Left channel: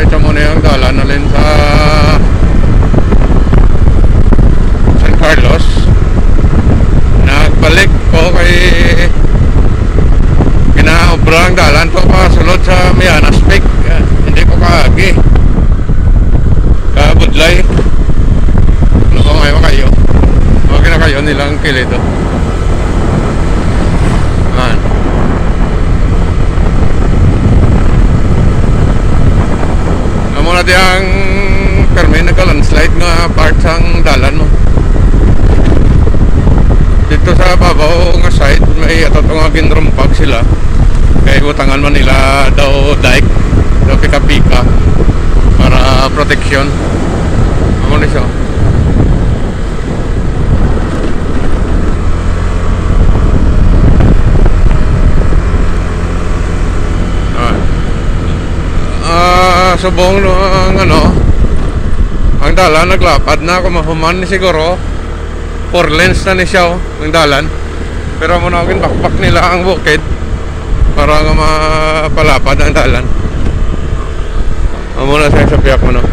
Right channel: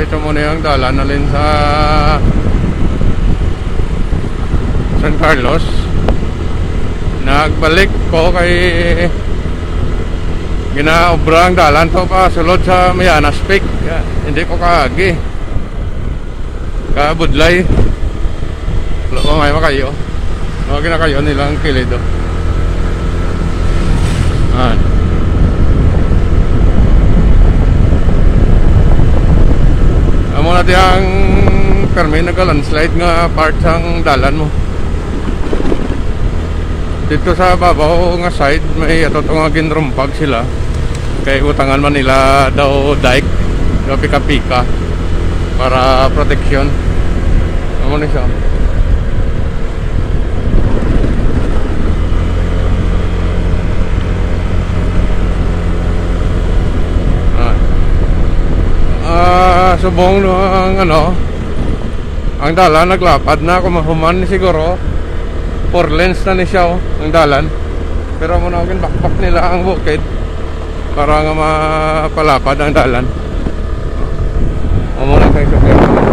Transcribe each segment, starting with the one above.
ito muna yung dalan na rin sa San Carlos. Nagbalik ko kay ginaobrang dalan to pa sulod sa Mianas Peak. Hindi ko kaagi kabudlay. Loko ngayon kayo. Okay na kayo nilang kilido. Amo na diyang permi nagka-landslide nga part sang dalan mo. Dito sa babaw nga side may ato nga ginrumpag sila. Kaya utangan man nila daw dike, daw pika-pika para protection. Amo na siya. Subong no ang ang dalan naglapad na kumahuman ni siguro 4 lanes na ni siya ang dalan, pero muna agin bakbak nila ang bukid para nga mapalapad ang dalan. Amo na sa sabihan ko no.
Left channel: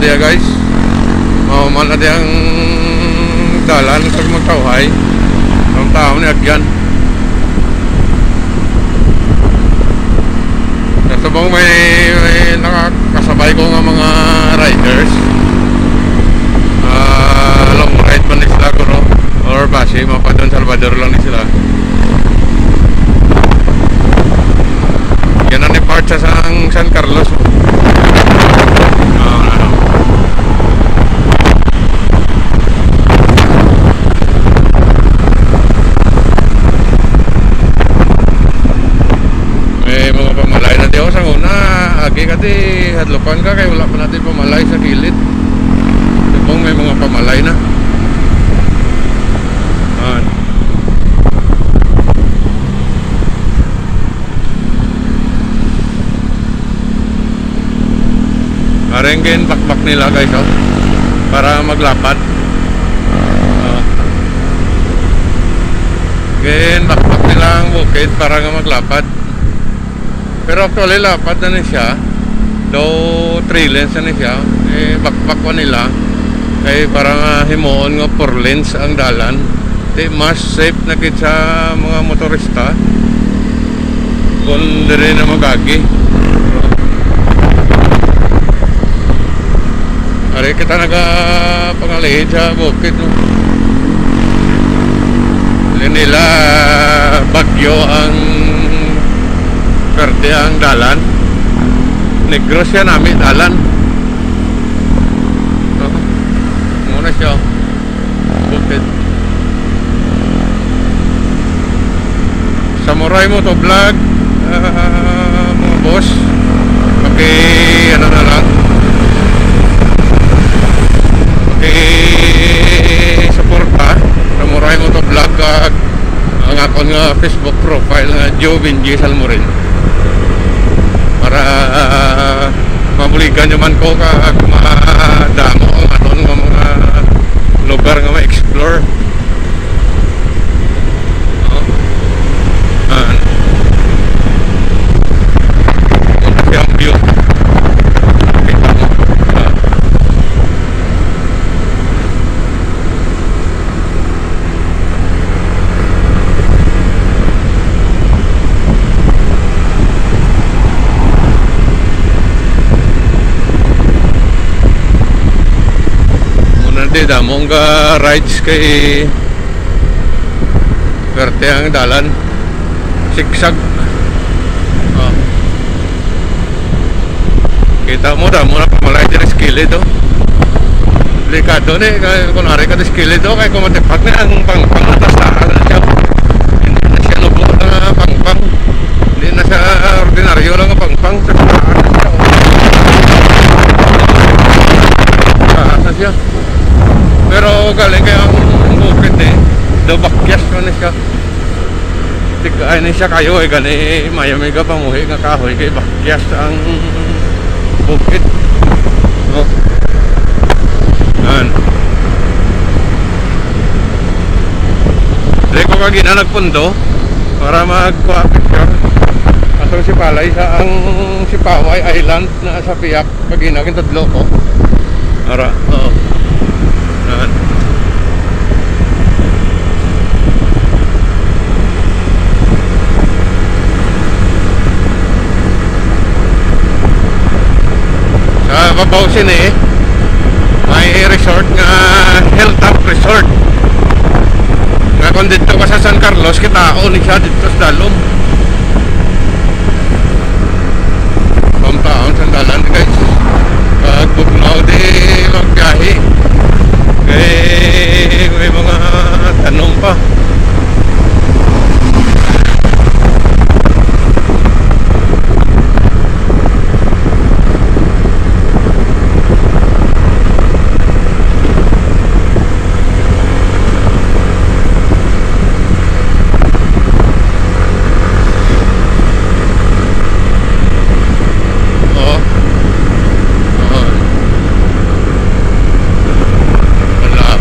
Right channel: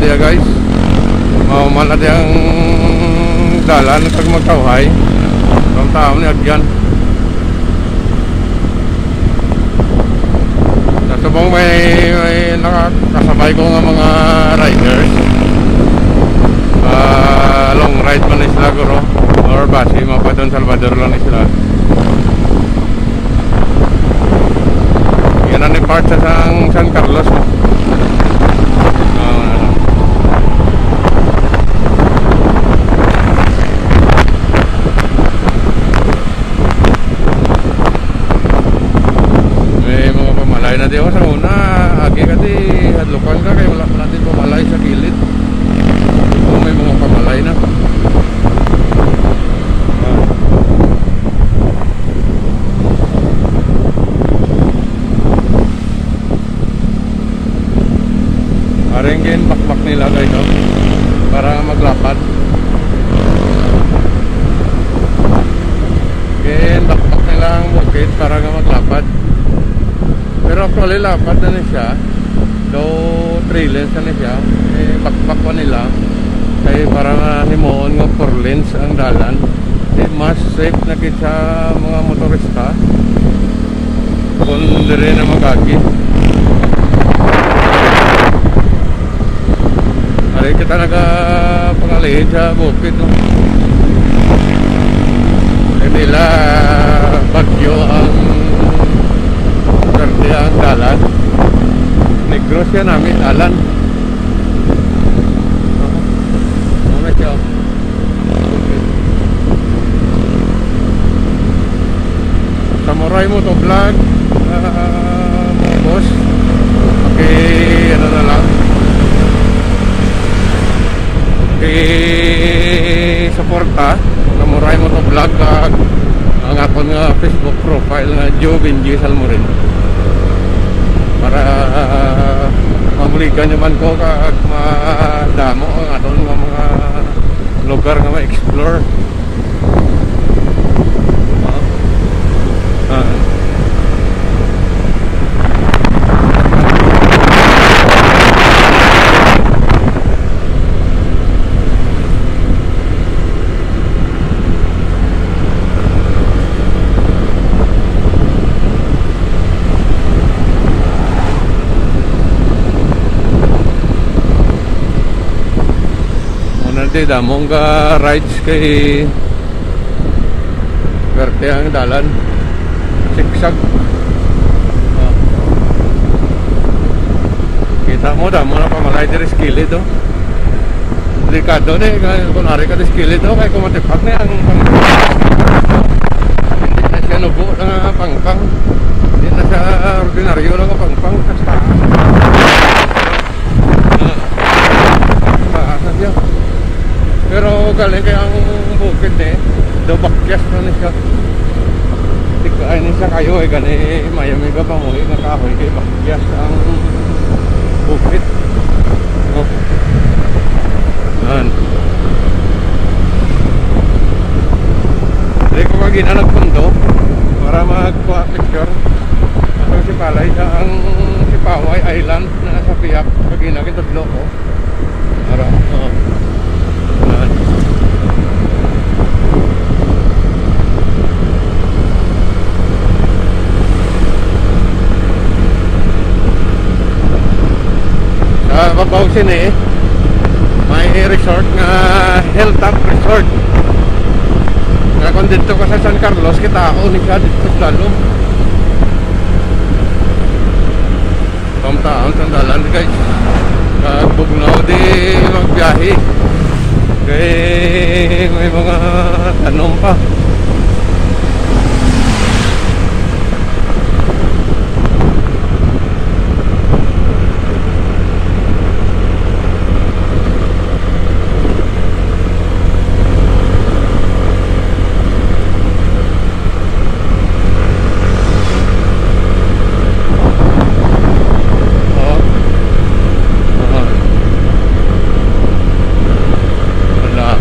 Dia guys, mau mana dia ang dalan pag magkawhay ng tao ni agyan. Sabong may nakakasabay ko nga mga riders, long ride man sila guro or base mapadon Salvador lang sila. Yan ang part sa San Carlos. Diyo sa una, agi ka di hadlupan ka kaya wala pa natin pamalay sa gilid. Kung may mga pamalay na. Arengin bakbak nila guys para maglapad. Gen bakbak nila ang bukid para nga maglapad. Pero actually lapad na siya. Though 3 lanes na siya, bakbak pa nila kay parang himuon nga 4 lanes ang dalan. Di mas safe na kit sa mga motorista kung dire na magagi. Ari kita nagapangalihin sa bukid no. Nila bagyo ang verde ang dalan, negros siya namin dalan. Muna siya bukid. Samurai mo to vlog, mga boss, paki ano na lang, paki suporta Samurai mo to vlog ang akon nga Facebook profile nga Joe Benji Salmorin para mabuligan naman ko kag madamo ang aton nga mga lugar nga ma-explore. Di damong ka rides kay verte ang dalan, sigsag. Kita mo damo na pamalay diri sa kilid Delikado ni, kunwari ka diskilid o, kaya kumatipak na ang pangpang. Hindi na siya nubo na pangpang. Hindi na siya ordinaryo lang ang pangpang. Na siya. Pero galing kaya ang bukid eh, daw bakyas mo na siya. Ay na siya kayo eh, gani mayami ka pamuhi nga kahoy kay bakyas ang bukid. So, Dre ko kagina nagpundo para magkuha picture. Atong si Palay sa ang si Paway Island na sa Piak kagina kin tudlo ko. Ara, oo. Sa babaw sini may resort nga Hilltop Resort nga kung dito ka sa San Carlos kitao ni siya dito sa dalom pamtaon sa dalan guys kagbugnaw di magbiyahe kaya may mga tanong pa.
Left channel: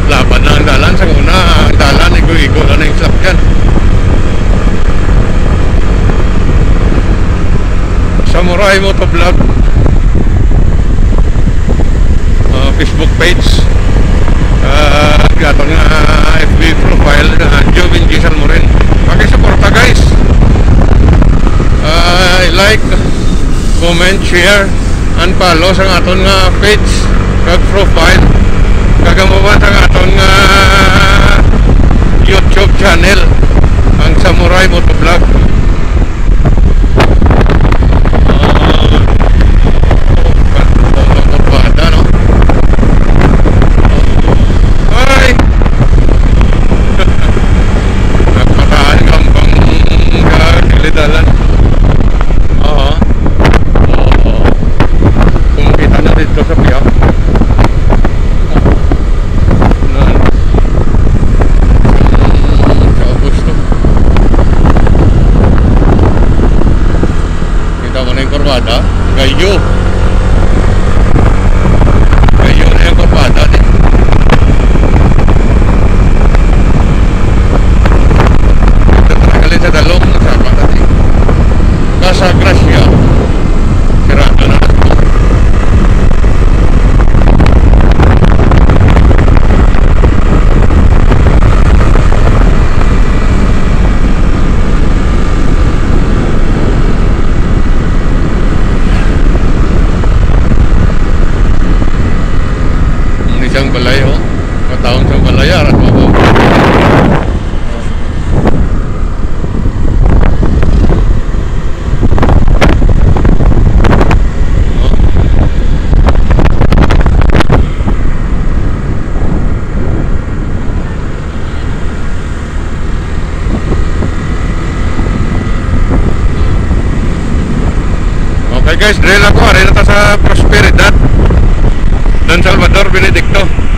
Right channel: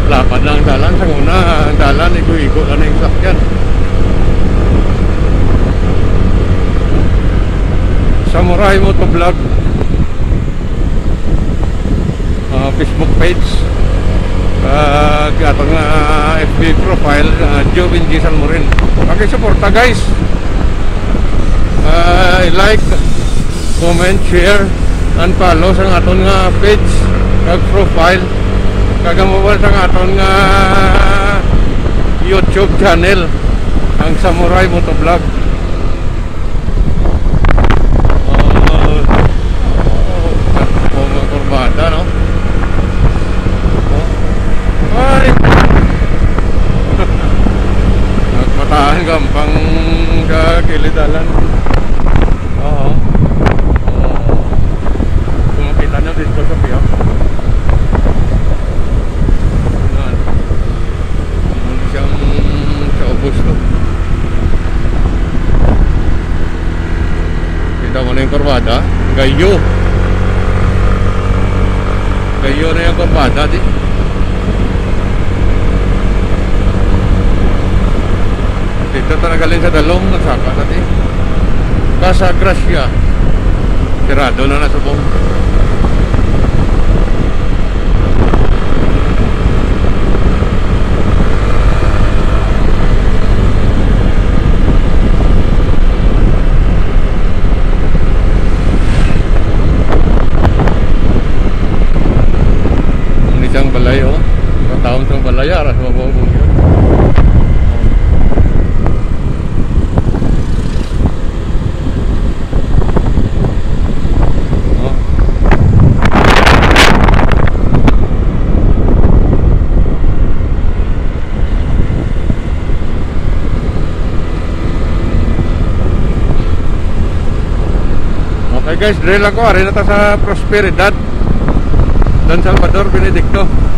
Laban na ang dalan sa una, ang dalan igo-igo lang na yung sakyan. Samurai Motovlog Facebook page, ato nga FB profile, Jovin G. Salmorin. Pakisuporta guys, like, comment, share and follow sa aton nga page kag profile kagamuban sa aton nga YouTube channel ang Samurai Motovlog. Bada no. Ay nagpatahan gampang kilidalan. Oo. Kumukita na dito sa Piak. Korbada, gayo na yung korbada di. Dito tanagalin sa dalom na sapa dati Casa Gracia sirado na nasubong. Isang balay oh, mataong sang balayar at mabong. Okay guys, drill ako, ari na ta sa Prosperidad Don Salvador Benedicto.